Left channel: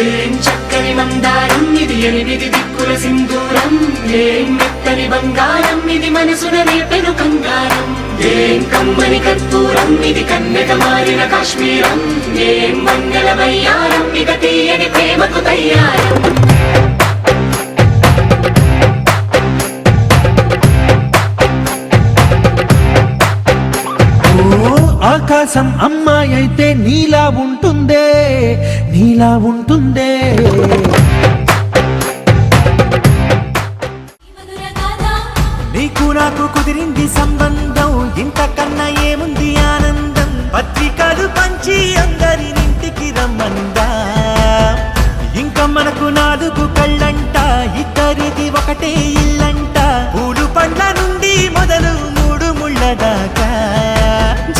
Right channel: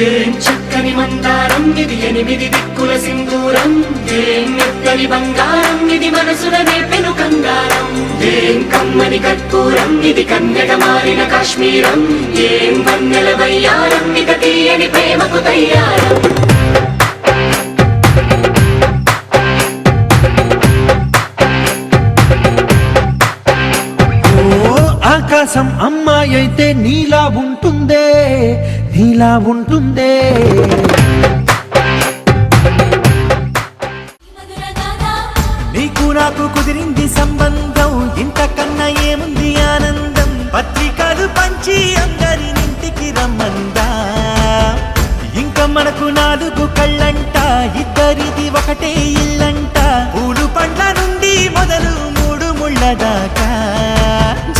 ఏం చక్కని మందారం ఇది ఎనిమిది దిక్కుల సింధూరం ఏం మెత్తని బంగారం ఇది మనసున నేపెను కంగారం ఏం కమ్మని కర్పూరం ఇది కన్యక మారిన కాశ్మీరం ఏం వన్నెల వయ్యారం ఇక తీయని ప్రేమకు తయ్యారం ఆకాశం అమ్మాయి అయితే నీలా ఉంటుందే నీలా ఉంటుందే నీకు నాకు కుదిరింది సంబంధం ఇంతకన్నా ఏముంది ఆనందం పత్రికలు పంచి అందరినింటికి రమ్మందా ఇంకా మనకు 4 కళ్ళంట ఇద్దరిది ఒకటే ఇల్లంట పూలు పండ్ల నుండి మొదలు 3 ముళ్ళ దాకా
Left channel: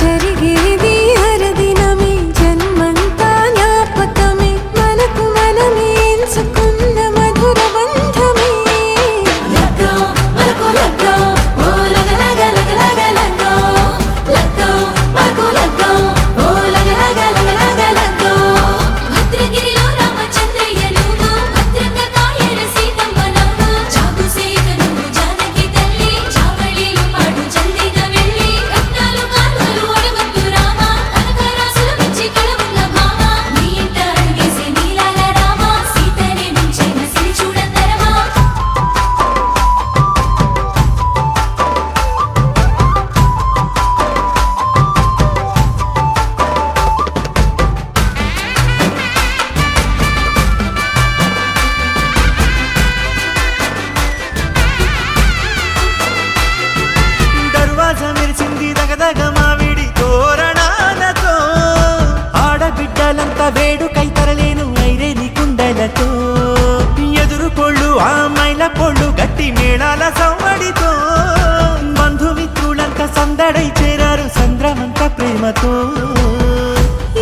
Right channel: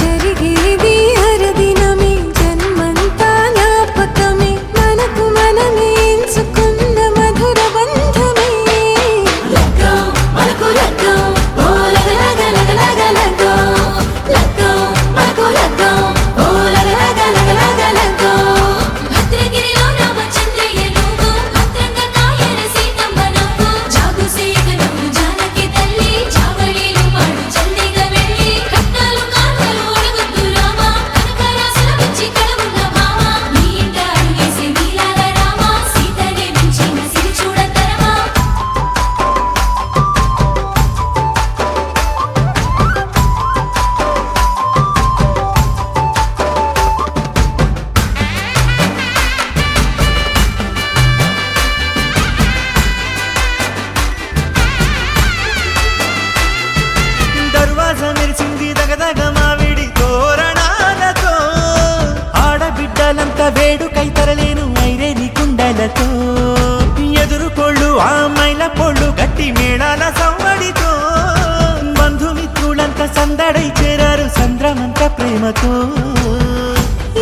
జరిగేది హరదినమే జన్మంతా జ్ఞాపకమే మనకు మనమే ఎంచుకున్న మధుర బంధమే లగ్గో మనకు లగ్గో ఓ లగలగ లగలగ లగ్గో లగ్గో మనకు లగ్గో ఓ లగలగ లగలగ లగ్గో భద్రగిరిలో రామచంద్రయ్య నువ్వు భద్రకాయన సీతమ్మ నవ్వు జాగు సేకను జానకి తల్లి చావళిలో పాడు జల్దిగా వెళ్ళి రత్నాలు కానుకలు అడగొద్దు రామ కనకరాసుల వచ్చి కళమున్న భామ నీ ఇంట అడుగేసే నీలాల రామ సీతనే మించిన సిరి చూడతరమా దర్వాజ మెరిసింది దగదగ మావిడి తోరణాలతో ఆడబిడ్డలంతా వేడుకై తరలేను ఐరేని కుండలతో ఎదురుకోళ్ళు ఆ మైల పోళ్ళు గట్టి మేళాల సవ్వడితో బంధుమిత్రులంతా సందడై చేరారు సంద్రమంత ప్రేమతో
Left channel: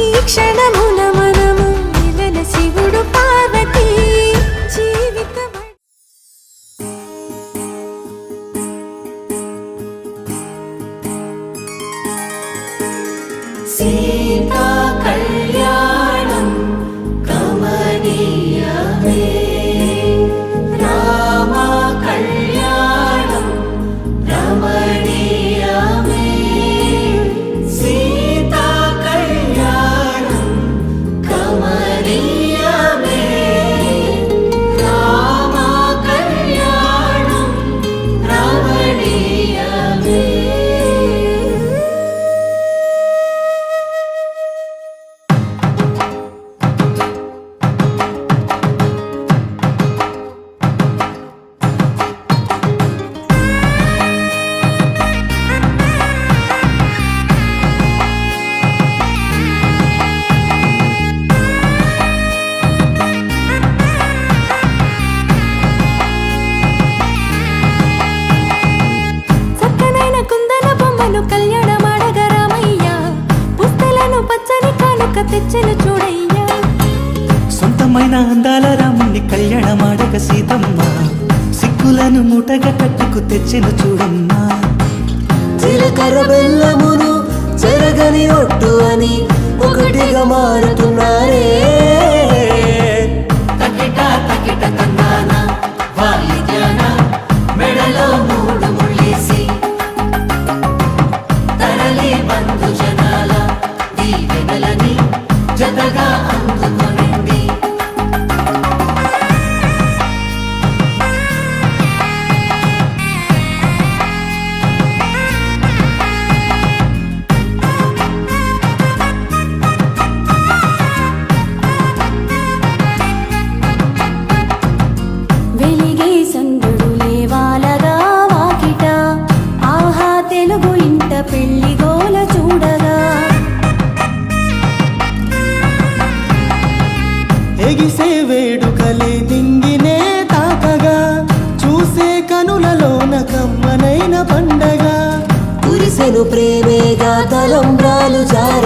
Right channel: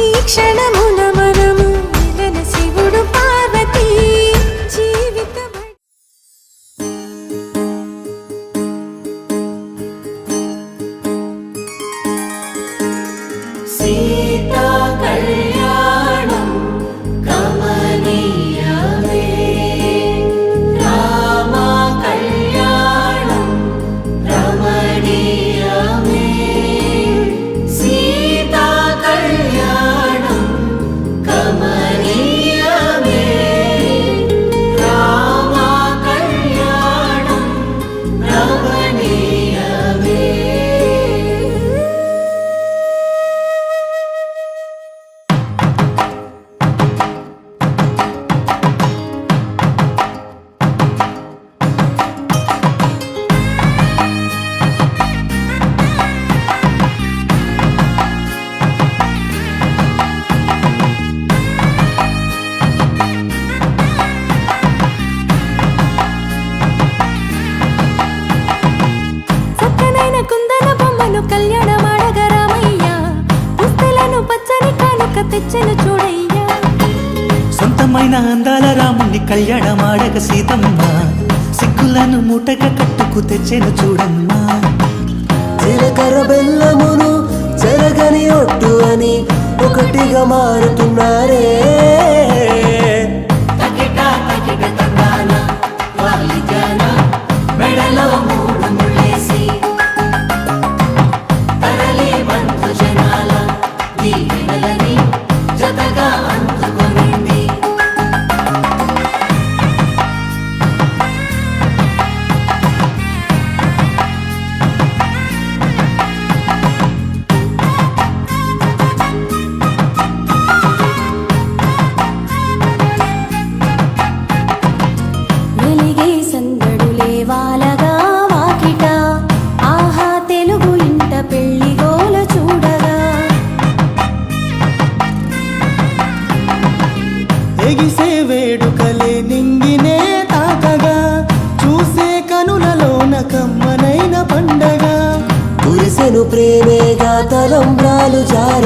ఈ క్షణమున మనము మిలన శివుడు పార్వతి జీవిత సీతా కళ్యాణం కమనీయమే రామ కళ్యాణం రమణీయమే సీతా కళ్యాణం కమనీయమే రామ కళ్యాణం రమణీయమే చక్కనైన కుందన బొమ్మను కళ్యాణమాడగ రామయ్య పుస్తలను పచ్చని కానుక తెచ్చెను చూడయ్యా సొంతమైన అందాల రాముని కళ్యాణమాడగ సీతమ్మ సిగ్గులను మూటగా కట్టుకు తెచ్చిన చూడమ్మా జీలకర్ర బెల్లమును చెరగని ఒట్టు అని ఒకటిగా మారుతున్నారే మెడలో 3 ముళ్ళేసి తరలి బంధు జనాల దీవెనలని జతగా అందుకొనింది వెలిగే సందడులే వాలగా వాకిట ఆహా తెలుగు ఇంట పెళ్లి గోల చూడగా ఎగిసే వేడుకలే నింగినే తాకగా చూసే కనులలోన కమ్మనైన పండగ కురిసెను ప్రేమేగా తలంబ్రాలు జార